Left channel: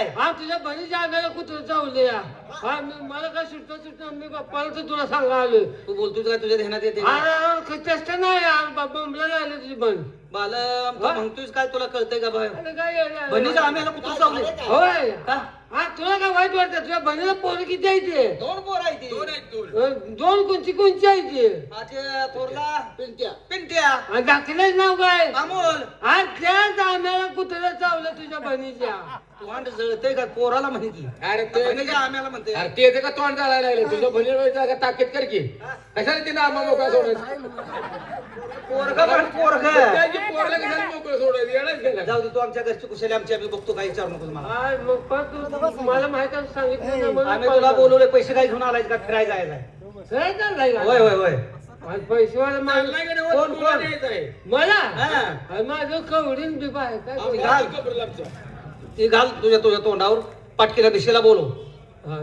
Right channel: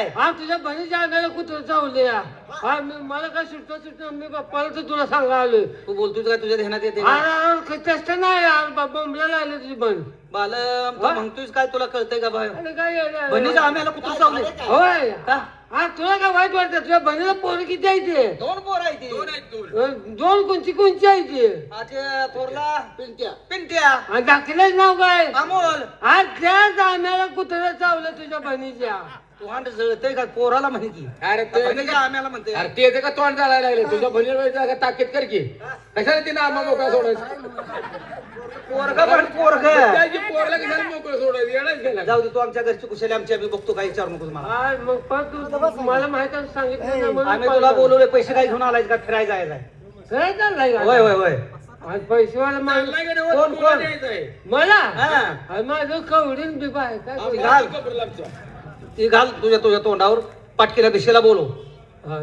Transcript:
काय हा तुझ्या बहिणीच्या अंगाला कुठं चावले हा मला काय सुटतं मी बाप्पाला तर तुला सांगा आलोय तू बोलतोय काय तुझ्या ध्यानात येते का? अरे चेष्टा नाही यार बोंबला आले तुझी बहीण बालम तू म्हणतोय काय तुला कळतंय का बाय अरे काय येडं. बहिणीच्या आम्हाला कुठं चावले होय का? हा तुला काय वाईट वाटतं तुझ्या बहिणीला पोरं किती आहे ते 2 पोर आहे ती दोन कोणची आहे ते आज थोरला पिंट्या पिंट्या आणि दाखलेच नाव काय अमोल आज त्याच आम्हाला कुत्र्या चावलं तुझ्या बहिणीच्या तोंड जळतंय का पोराला म्हणे की अरे ते बहिणीच्या आम्हाला म्हणते अरे ते का तोंड चालायला लागले तुझ्या बहिणीला ताकीद कर की कशाला तिने आम्हा मोकळा सोडायचं पोरगा पण पोरग त्याची पोरला कशाला मोकळं सोडायचं येणार गेला जाऊ दे तू आमच्या घरची कुशली आमची आम्ही बघतो काय विचारू नको मला आज मग पण तू मला माहित आहे सांगितलं ना म्हणून आम्ही तुला बोलवले पैसे काय घेऊन आलाय का फिरायला जायचंय काय चाललंय का? होय होय होय आज पैसेवाला माणूस चाललाय का नाही? कोण, तुला कोण? द्यायचं आहे. मला हा. अरे माझं कवडीन बिबा आहे काय आम्ही घाल. कबरला आमच्या. ती घाल तुझ्या तोंडावर पाटकीला दिशेला बोलव हा,